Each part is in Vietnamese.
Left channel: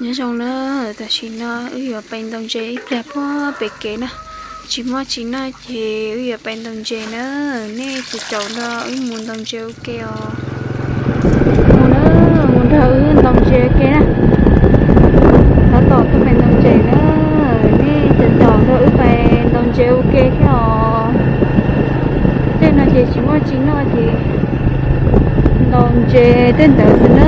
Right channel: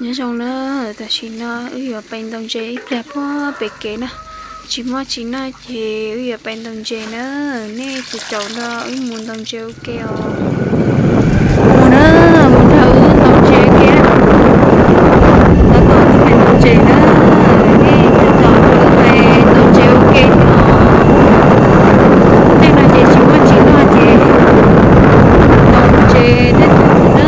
nhớ trong nó ta chỉ nó ở bên đồng chế đẹp quá bể kế nè chỉ mua chỉ nó thì ở bên đồng chế nữa nè từ chỗ nó ở muốn đồng chế ok muốn nữa muốn thử đồng chế kia nó tổ từ bên đồng chế nữa nè từ chỗ nó về đồng chế ok thì họ đây là chỉ mua chỉ nó thì đồng chế đến được nữa.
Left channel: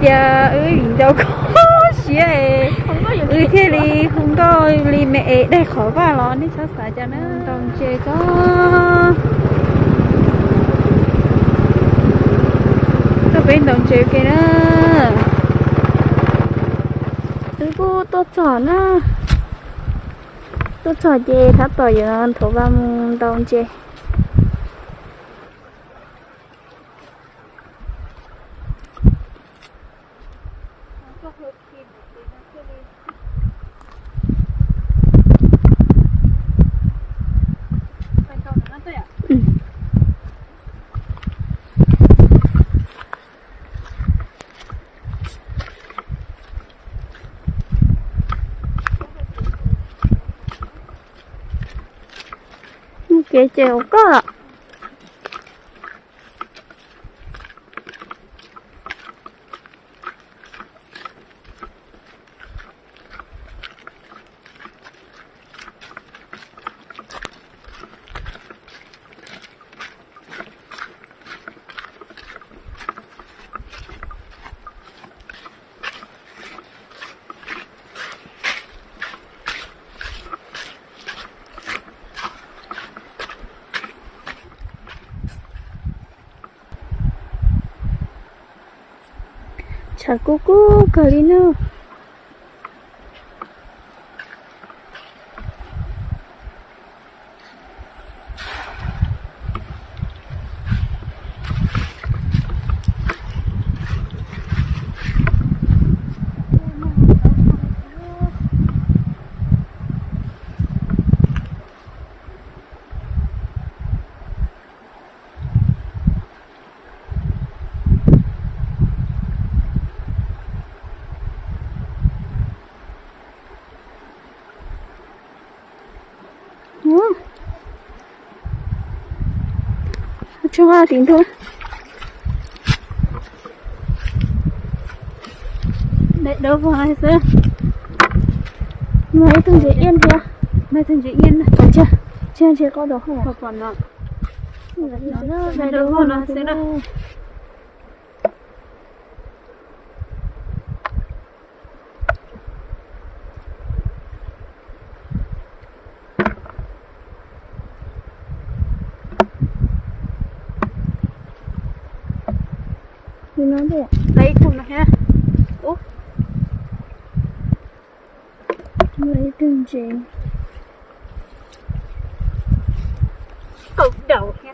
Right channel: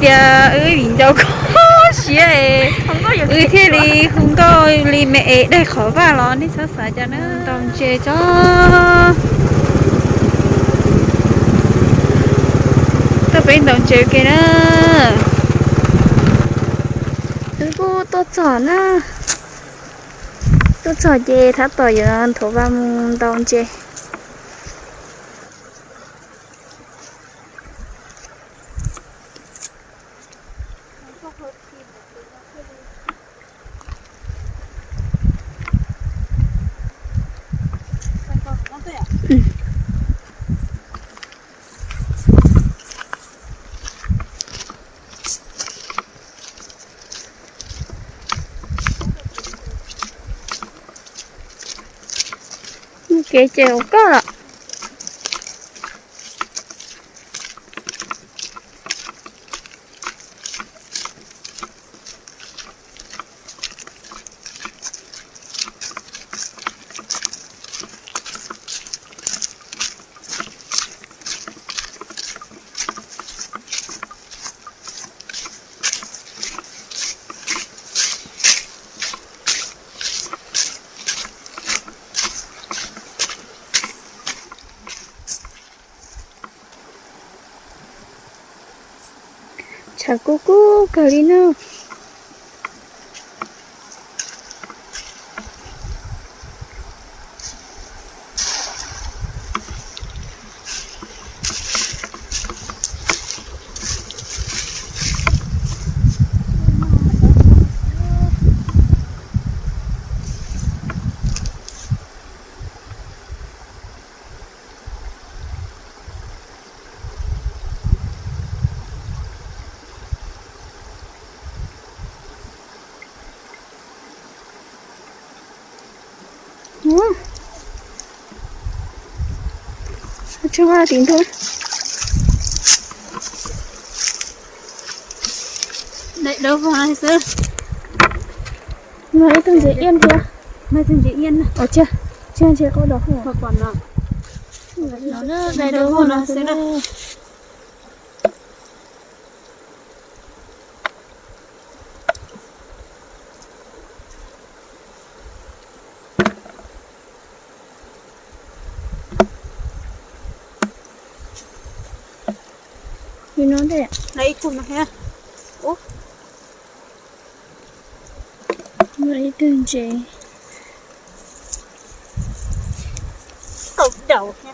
Kìa ơi mình đâu có xía không có thế thì không có li mẹ đây khỏi vào nó đi sao xả cho nó đồng chế cho tôi bên đồng chế kia đó cô tôi chọn á tôi chọn chế thắt tỏi giờ thổ vào đồng chế cái chèo có ạ. Chakuku Karina. Cho hoa tính thôi. Đậy đâu vào này sơ. Mấy thằng dễ yên chưa? Mấy thằng dễ yên này. Có chưa? Chưa có đó không? Còn nào. nó nữa đây đâu nó sẽ nó như nó đây ạ. lấy thùng này ha. Ủa Lấy tương chế cột đầu ha.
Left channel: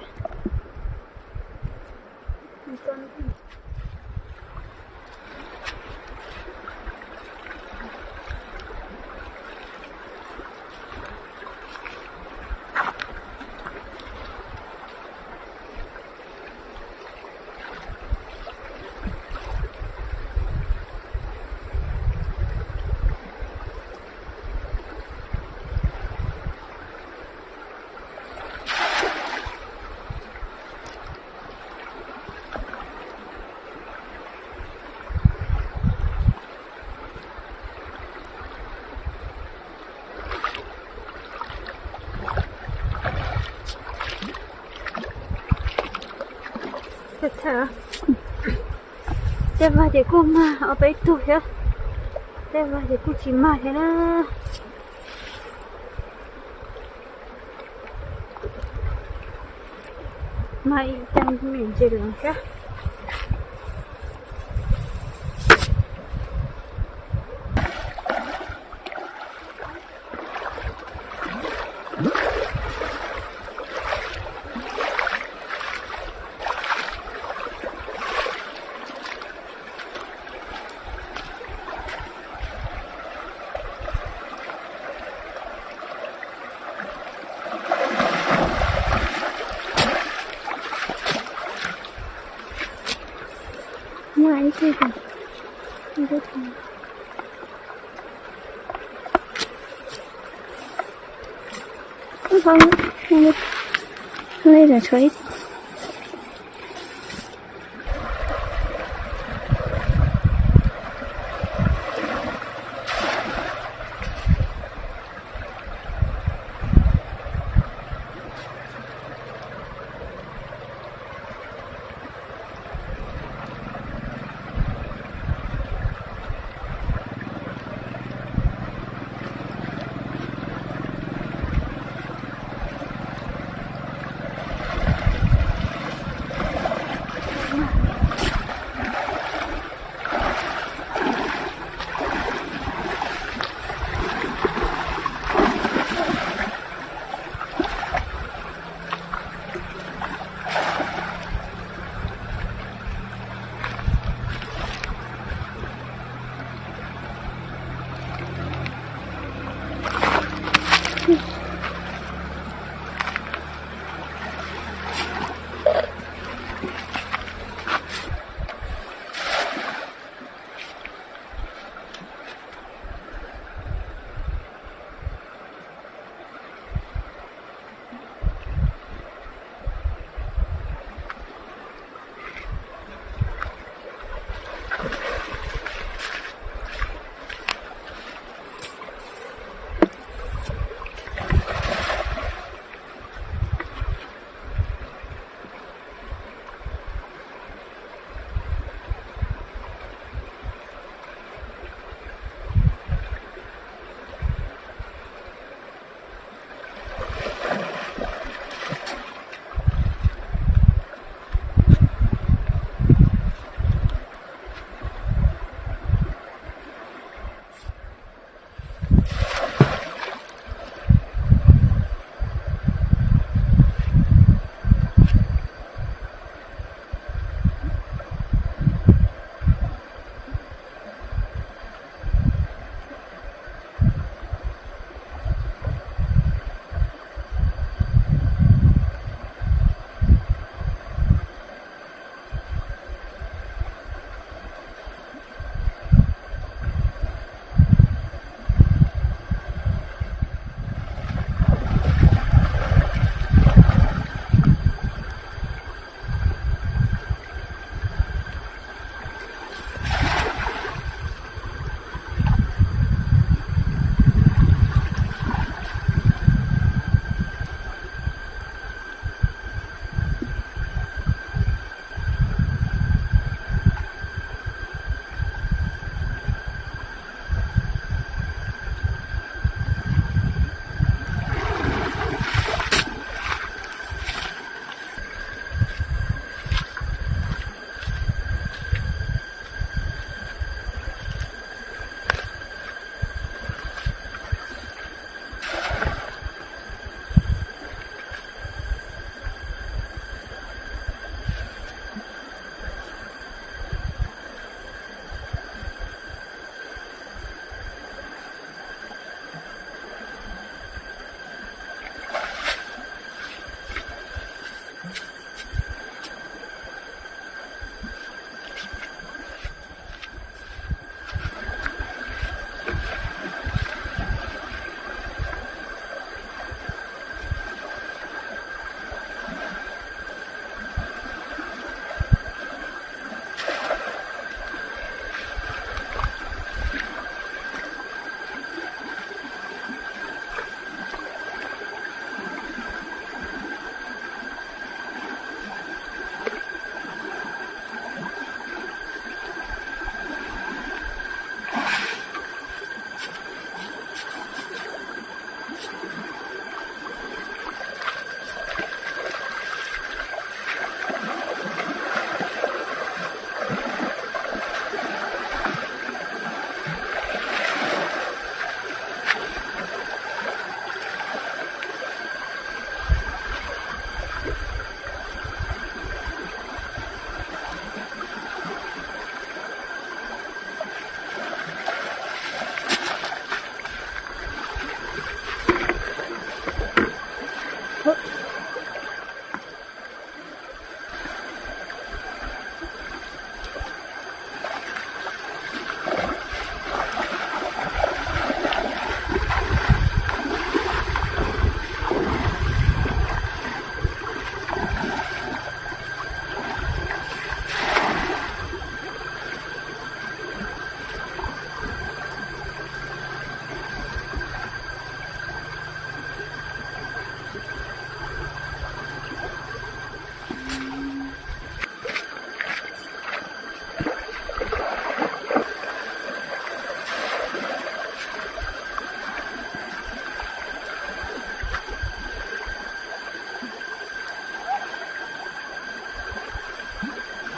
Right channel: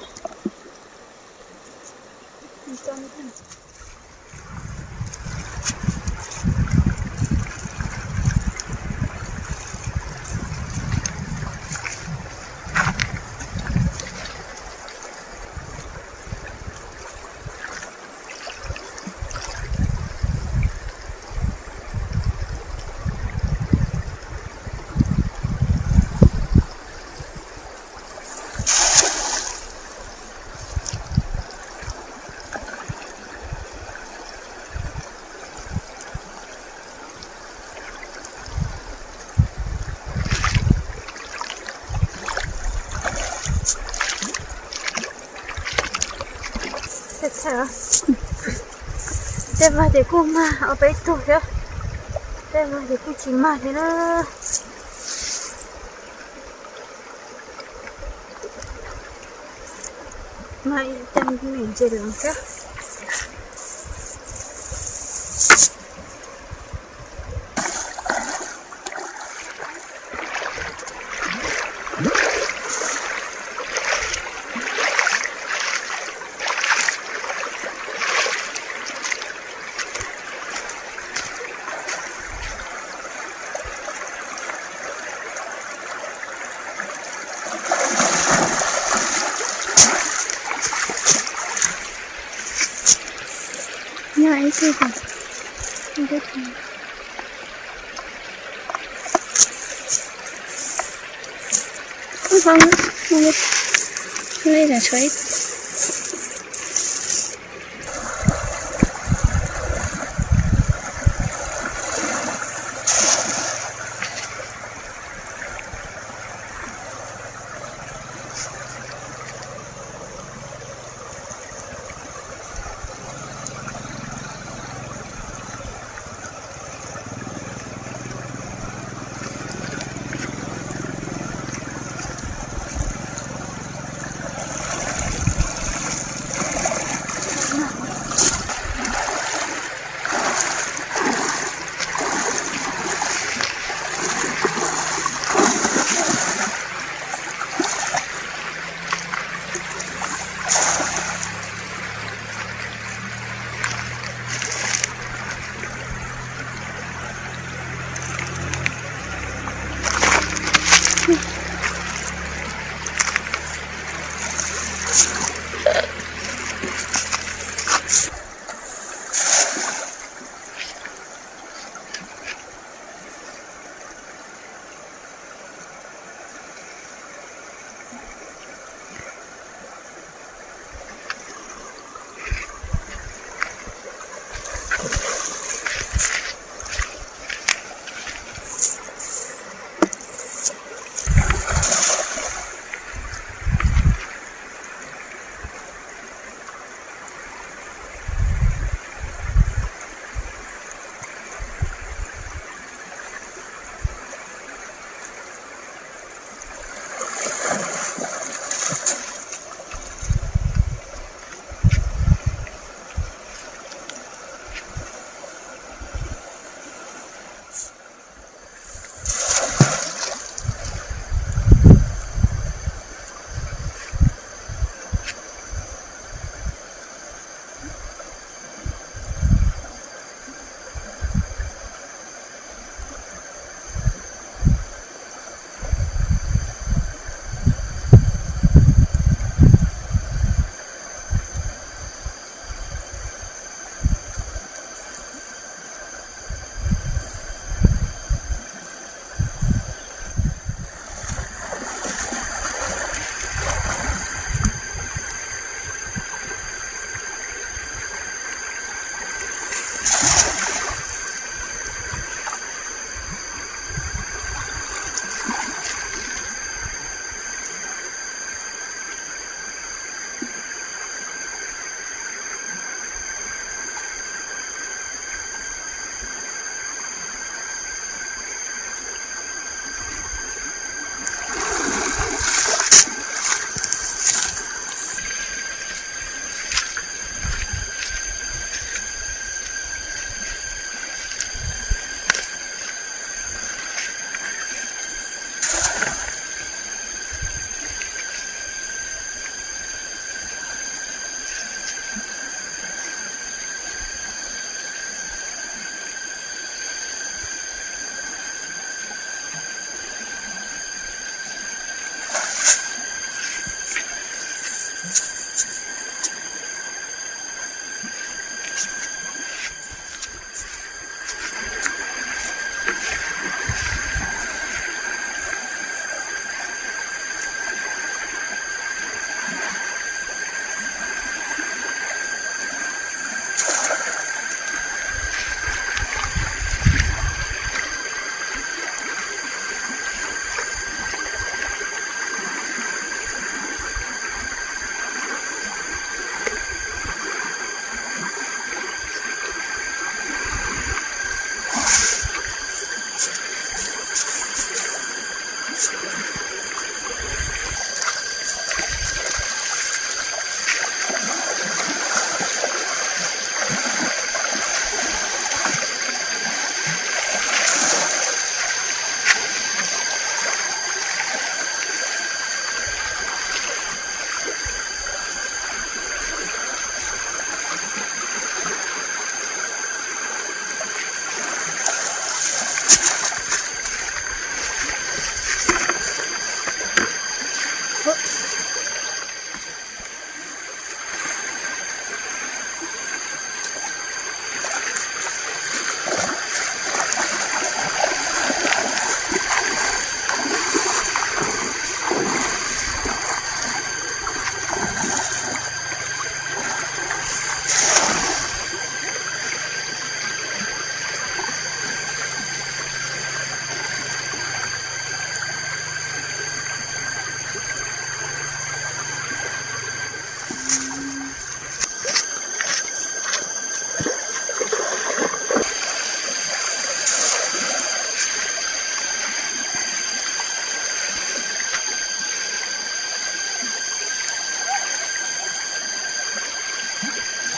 Sao? Đem vào để cô mà ở bên tủ đó. Đem vào để cô chỉ mà thế nó. Mai tăng miệng gì lắm cả. nhai chứ còn không biết gì. Không đây là chuối.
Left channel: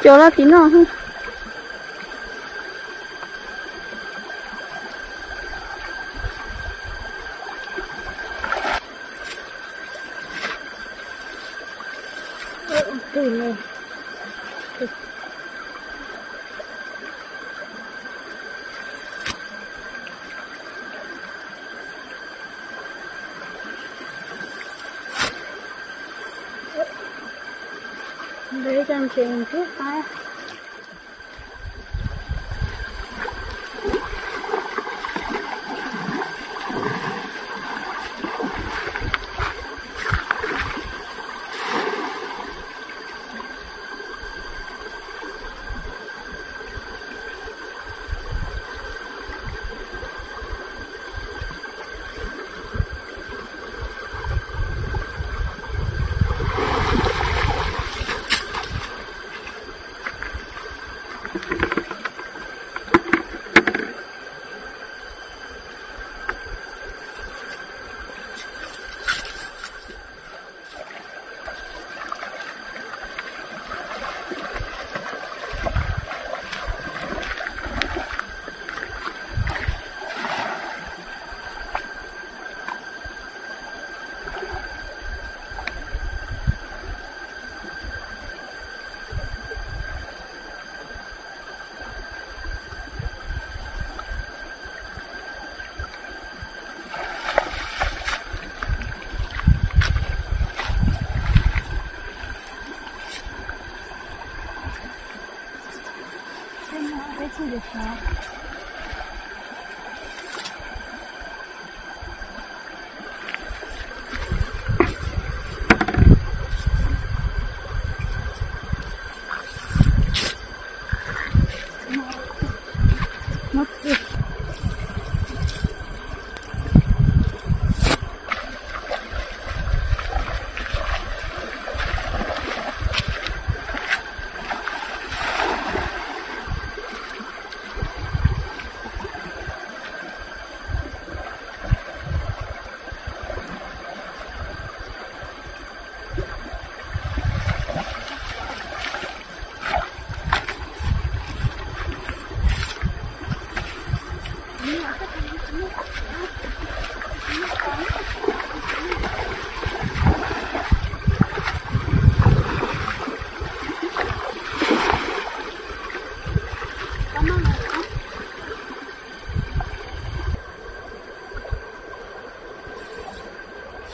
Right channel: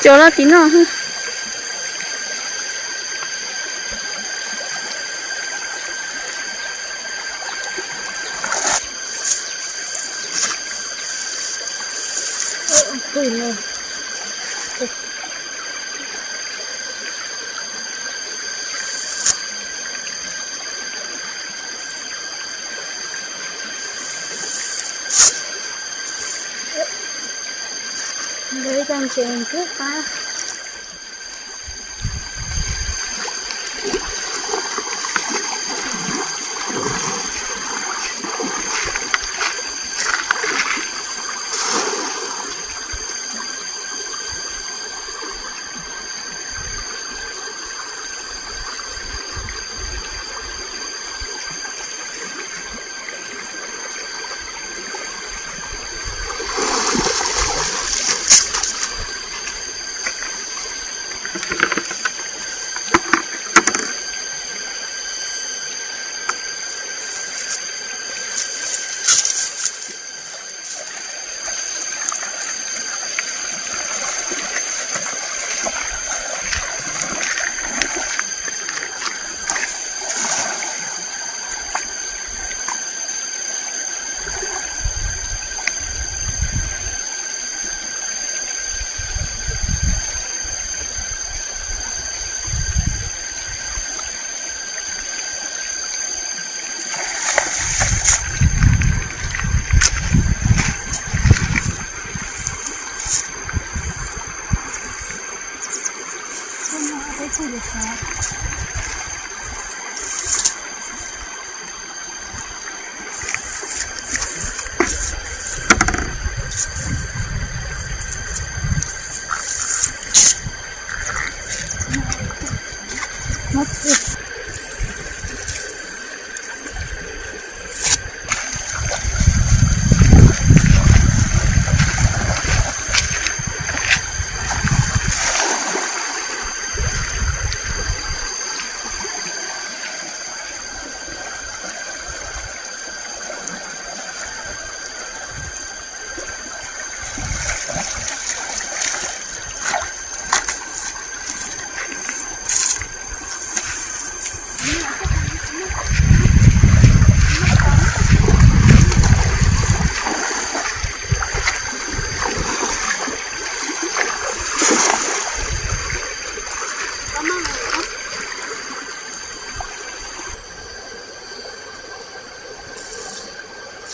chỗ đó tí nữa ha. Ui này. Với con chèn trước ta.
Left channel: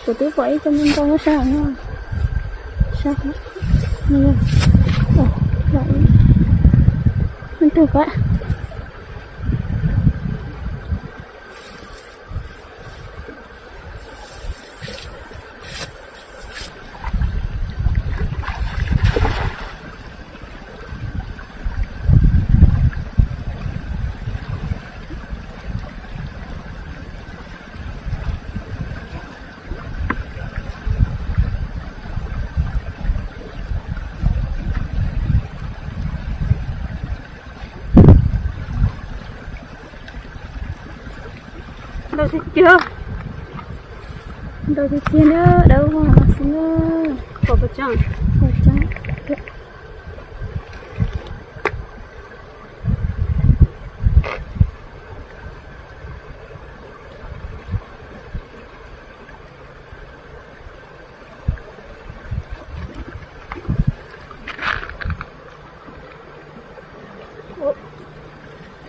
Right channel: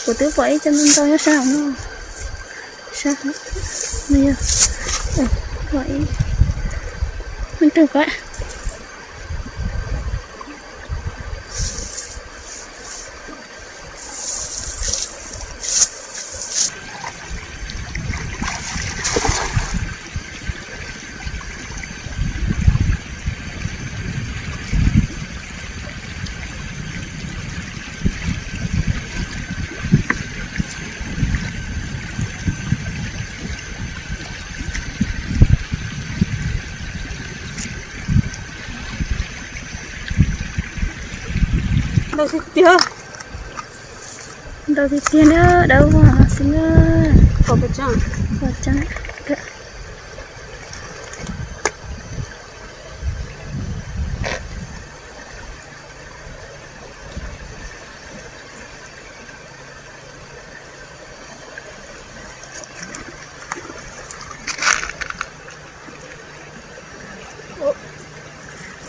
Của tứ vậy cho nên tôi nó sao nó sao bây giờ vậy mình thử coi Đâu thích chưa? đâu thì kia nữa đâu mà xin ơi Có bật chẳng? vào trái được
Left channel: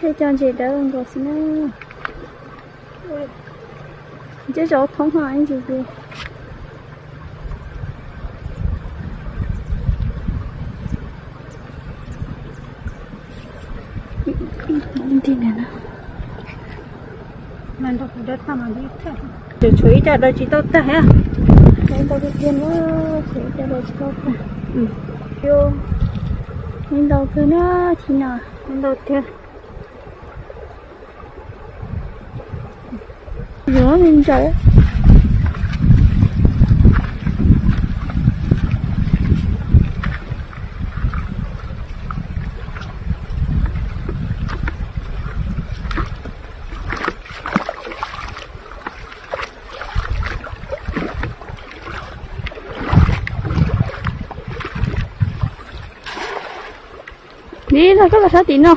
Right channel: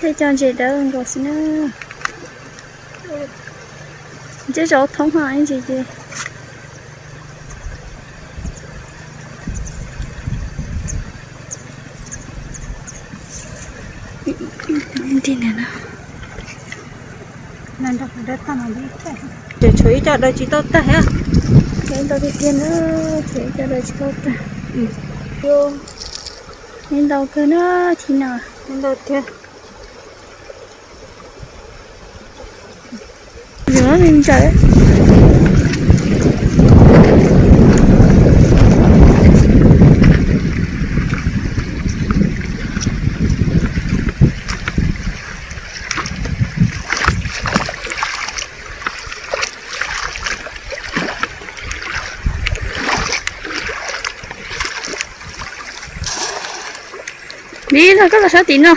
thế cho chị đâu rồi xin ơi chứ chỗ thông hỏi anh chị đi nè nào Nên đâu phải đất ta mà đi thế. Để chuối cho đây chỉ tốt ta hả? nên đâu đi tiền nữa chỉ cho đời chị tốt ta Vô. nên đâu cứ nó thì nào Nên đâu thế. rửa mình trời đi thôi, có là sao tín đâu.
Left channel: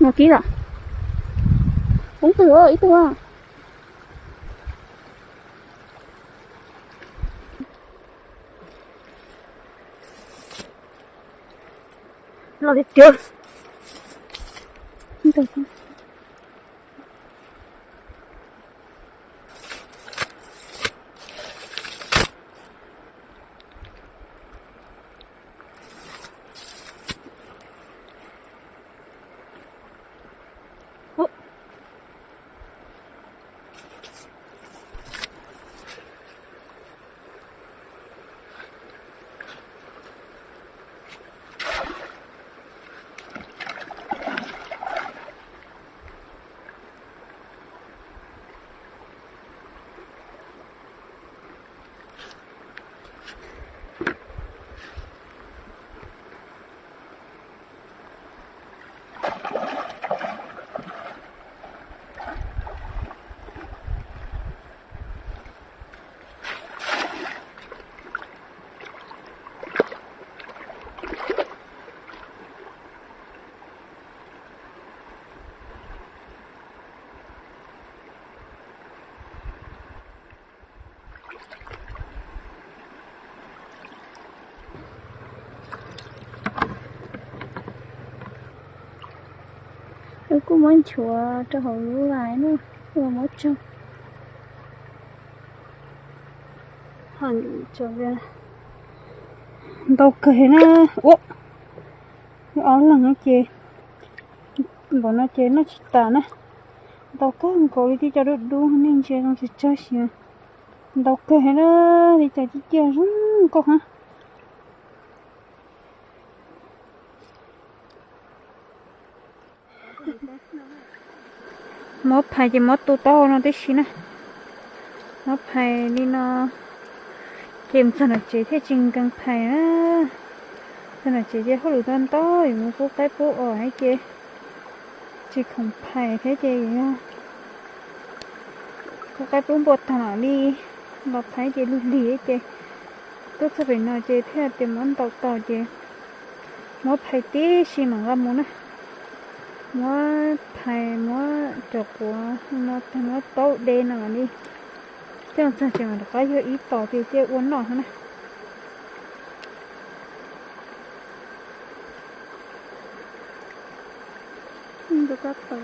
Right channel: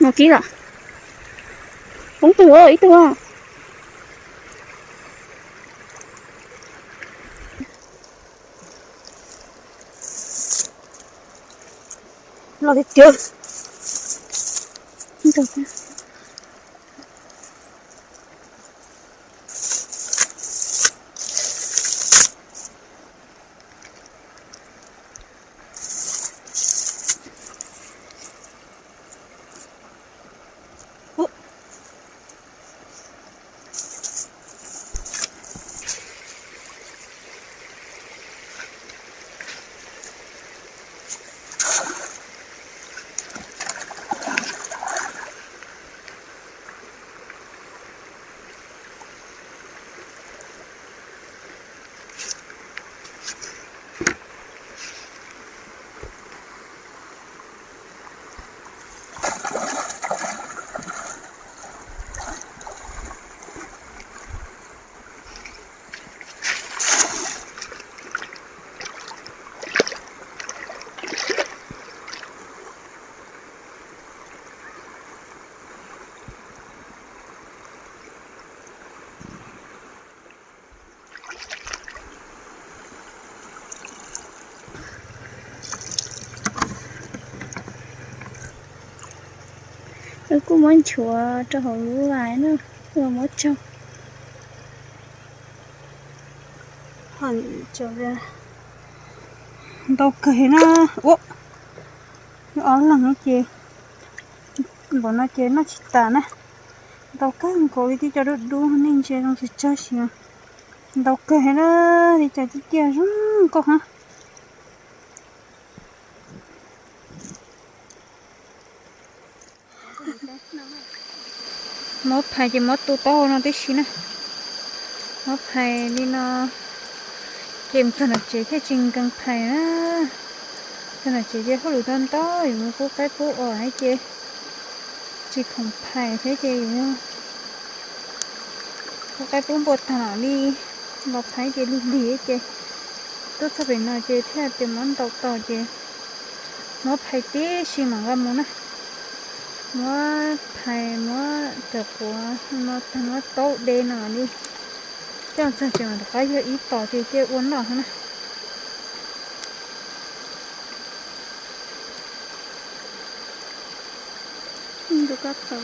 Một ký rồi. Cũng từ ơi, từ. Lo đi chưa? Không được. tôi cũng muốn chùa cho họ lú lại nữa vừa mới cho hẳn trở về đâu kể nó ô nó là nó chê bọn nó chê nó chỉ tàn á đâu cái cô đi cho được đu nên chê nó chỉ chơi xíu đâu kể nó đi cho chị kia rung cô hả mót phải chỉ mót tu to nó tí xí nè mót phải đi nó kiếm cho nó chế thế trình càng phải á cho nó chế chế không đủ thân to thì mua phút cái phút ở hay chế chỉ không phải thế chế nữa phút cái phút bột thằng đi nó phải chế lúc đi chế tốt sẽ phải nói chế theo tìm món tàu tàu chế mót phải tí xí mà ra muốn á mót phải mót được của nó thằng nó tốt đen nào đi chẳng sao chỉ mà cái ý tỏ thì chế uốn nào nè được các tàu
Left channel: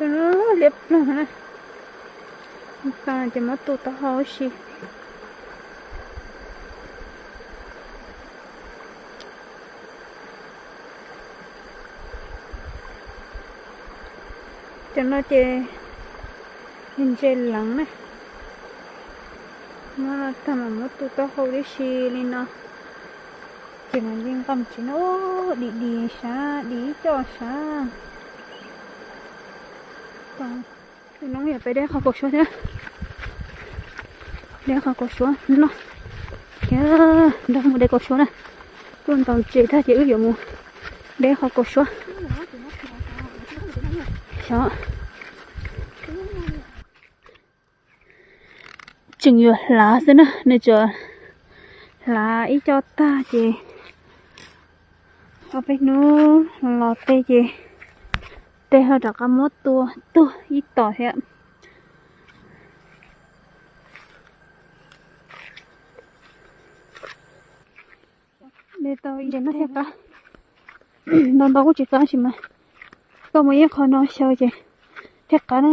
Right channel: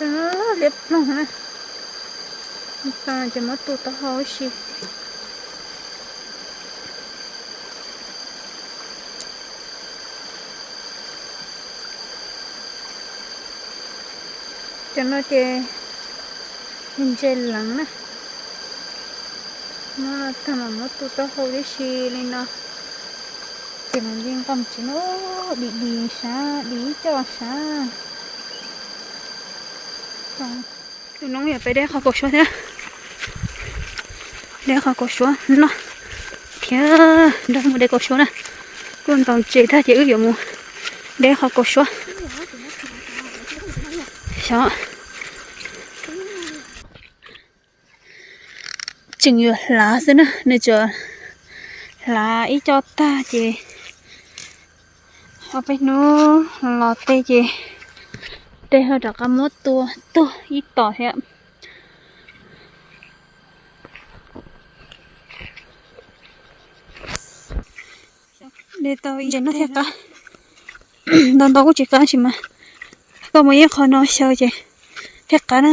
nó đẹp luôn nè ta chỉ mất tụt tao hơi xí cho nó chê hình chê lắng nè nó thằng mà mất tụt tao hơi xí nên nó chỉ là riêng cầm chỉ nó đi xa đi cho xa còn tụi nó phải để khó cột xuống thế để khó cột xuống nó thế đâu mà để cột xuống nè con tàu chỉ ta chỉ ước dụng để khó cột xuống sao chừng nhiều lá thế nữa nên chờ lá ít cho ta chị ở bên nó lọt tê chị tê hơi đặc cái mốt tua ít tỏ thế ạ để tao ý nó thiệt cả đòn tao cũng chỉ có chỉ mà tao mới khó nói sao chị thiệt cả đó